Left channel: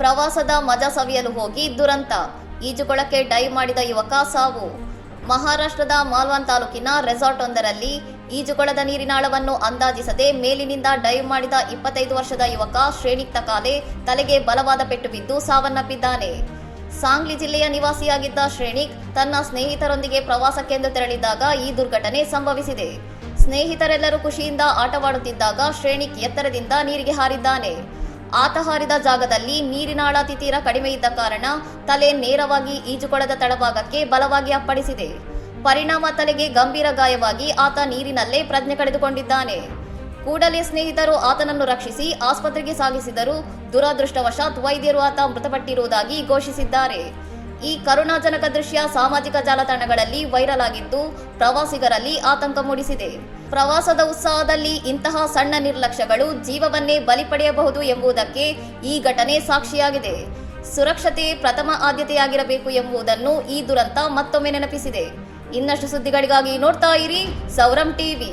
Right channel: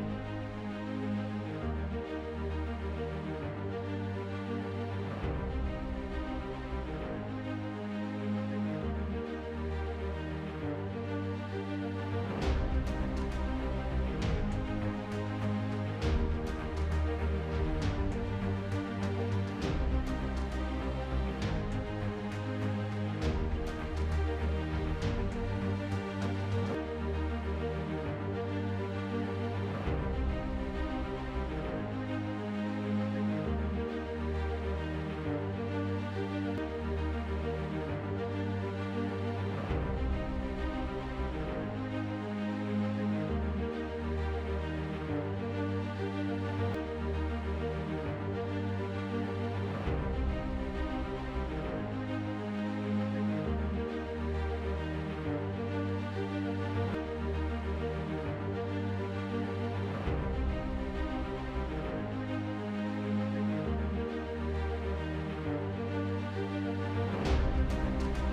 ಪ್ರವಾಸದ ಮಜಾ ಸವಿಯಲು ಹೋಗಿ ದುರಂತ, ಈಜುಕೊಳಕ್ಕೆ ಡೈವ್ ಮಾಡಿದ ಯುವಕ ಸಾವು. ಮಹಾರಾಷ್ಟ್ರದ ಮಾಲ್ವಾನ್ ತಾಲೂಕಿನ ರೆಸಾರ್ಟ್ ಒಂದರಲ್ಲಿ ಈಜುಕೊಳದ ನೀರಿನಾಳವನ್ನು ಅಂದಾಜಿಸದೆ ಮೇಲಿನಿಂದ ಡೈವ್ ಮಾಡಿದ 25 ವರ್ಷದ ಯುವಕ ಶ್ರೇಣಿಕ್ ತಕಾಲೆ ತಲೆಗೆ ಬಲವಾದ ಪೆಟ್ಟು ಬಿದ್ದು ಸಾವನ್ನಪ್ಪಿದ್ದಾನೆ. ಸಾಂಗ್ಲಿ ಜಿಲ್ಲೆಯ ನಿವಾಸಿಯಾಗಿದ್ದ ಶ್ರೇಣಿಕ್ ತನ್ನ ಸ್ನೇಹಿತರೊಂದಿಗೆ ಪ್ರವಾಸಕ್ಕೆಂದು ತೆರಳಿದ್ದಾಗ ಈ ದುರ್ಘಟನೆ ಸಂಭವಿಸಿದೆ. ಸ್ನೇಹಿತರೆಲ್ಲರೂ ಖುಷಿಯಿಂದ ಆಟವಾಡುತ್ತಿದ್ದಾಗ ಶ್ರೇಣಿಕ್ ಎತ್ತರದಿಂದ ನೀರಿಗೆ ಹಾರಿದ್ದಾನೆ. ಆತ ಹಾರಿದ ಜಾಗದಲ್ಲಿ ನೀರಿನಾಳ ತೀರ ಕಡಿಮೆ ಇದ್ದ ಕಾರಣ ತಲೆ ನೇರವಾಗಿ ಈಜುಕೊಳದ ತಳಭಾಗಕ್ಕೆ ಬಲವಾಗಿ ಅಪ್ಪಳಿಸಿದೆ. ಪರಿಣಾಮ ತಲೆಗೆ ಗಂಭೀರ ಗಾಯವಾಗಿ ಆತ ನೀರಿನಲ್ಲೇ ಪ್ರಜ್ಞೆ ಕಳೆದುಕೊಂಡಿದ್ದಾನೆ. ಕೂಡಲೇ ಸ್ನೇಹಿತರು ಆತನನ್ನು ರಕ್ಷಿಸಿ ಆಸ್ಪತ್ರೆಗೆ ಸಾಗಿಸಿದರೂ ದುರದೃಷ್ಟವಶಾತ್ ವೈದ್ಯರು ಆತ ಮೃತಪಟ್ಟಿರುವುದಾಗಿ ಘೋಷಿಸಿದ್ದಾರೆ. ಈ ಕರುಣಾಜನಕ ದೃಶ್ಯ ಸಾಮಾಜಿಕ ಜಾಲತಾಣಗಳಲ್ಲಿ ವೈರಲ್ ಆಗಿದ್ದು ಪ್ರವಾಸಿಗರಲ್ಲಿ ಆತಂಕ ಮೂಡಿಸಿದೆ. ಪ್ರವಾಸದ ಉತ್ಸಾಹದಲ್ಲಿ ಇಂತಹ ಸಣ್ಣ ನಿರ್ಲಕ್ಷ್ಯಗಳು ಜೀವವನ್ನೇ ಬಲಿ ಪಡೆಯಬಹುದು ಎಂಬುದಕ್ಕೆ ಈ ಘಟನೆ ಸಾಕ್ಷಿಯಾಗಿದೆ. ಸುರಕ್ಷತೆ ಪ್ರಥಮ ಆದ್ಯತೆಯಾಗಿರಬೇಕು ಎಂಬುದನ್ನು ಈ ದುರಂತ ಮತ್ತೊಮ್ಮೆ ನೆನಪಿಸಿದೆ. ಇನ್ನಷ್ಟು ಸುದ್ದಿಗಳಿಗಾಗಿ ನೋಡ್ತಾ ಇರಿ ಸೌರಂ ಟಿವಿ.